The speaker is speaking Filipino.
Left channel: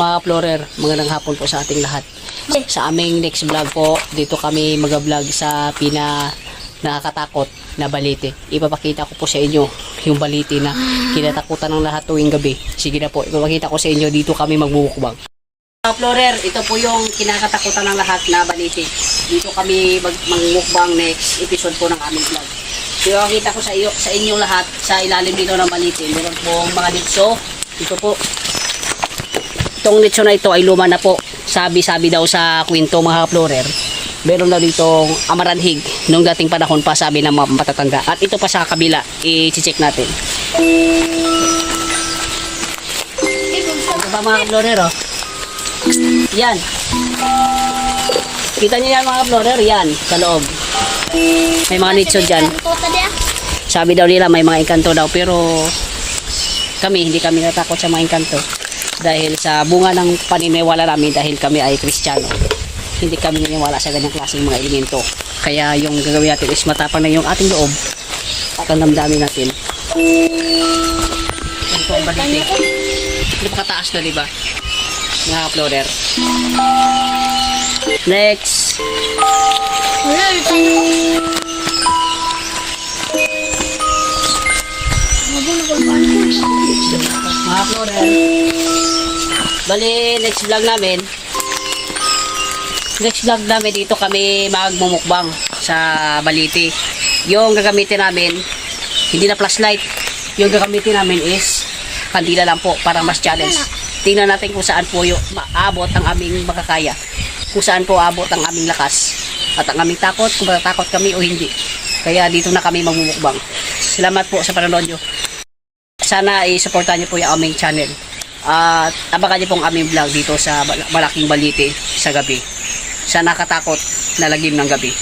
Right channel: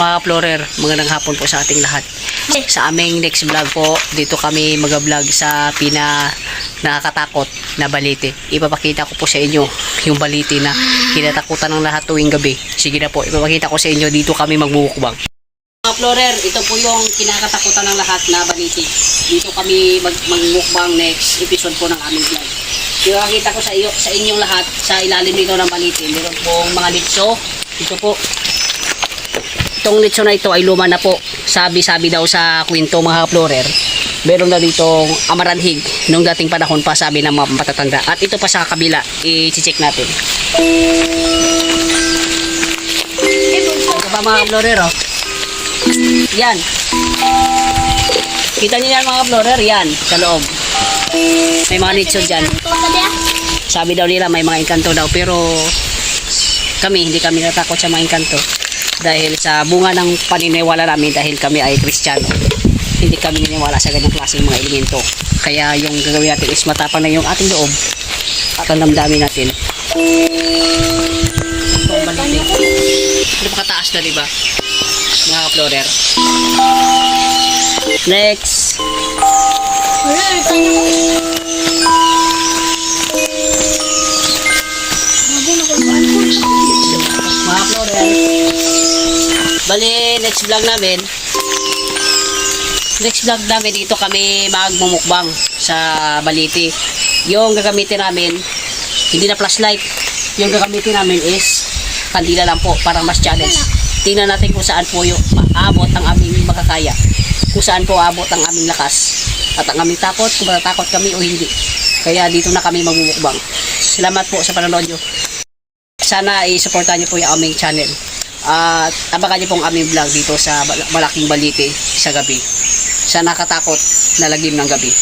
Mga Explorer, magandang hapon po sa ating lahat. Sa aming next vlog po, dito kami mag-vlog sa nakakatakot na balite. Ipapakita ko po sa inyo yung balite na kinatakutan ng lahat tuwing gabi. Sige na po, ipapakita ko sa inyo, dito kami magmumukbang. Mga Explorer, ito po yung kinakatakutan ng lahat na balite. Dito kami magmukbang next episode po ng aming vlog. Ipapakita ko sa inyo lahat sa ilalim dito ng balite. Meron pong mga litso. Ito po. Itong litso na ito ay luma na po. Sabi-sabi daw sa kwento mga Explorer. Meron na ditong amaranhig nung dating panahon pa, sabi ng mga matatanda. At ito pa sa kabila, i-check natin. Ito pa mga Explorer, oh. Yan. Kita niyo yan mga Explorer, yan sa loob. May mga litso dyan. Sabi daw nila may mga engkanto daw, pero hindi kami natakot sa mga engkanto. Dahil sa bunga ng paniniwala namin, dahil kami ay Kristiyano, hindi kami naniniwala sa ganyang klaseng mga elemento. Kaya yung gagawin natin is matapang na yung ating loob at ang damdamin natin. Ito ang balite. Napakataas na, diba? Mga Explorer. Next. Mga Explorer. Bali, next vlog namin dito kami magmumukbang sa balite. Yung gagamitin namin, hindi na flashlight. Yung gagamitin namin is kandila lang po, parang mas challenge. Tingnan natin kung saan po yung maabot ang aming makakaya. Kung saan po abot ang aming lakas. At ang aming takot, kung matatakot kami o hindi. Kaya dito na kami magmumukbang. Salamat po sa panonood nyo. Sana i-supportan nyo po yung aming channel. At abangan nyo pong aming vlog dito sa malaking balite sa gabi. Sa nakatakot na lagim ng gabi.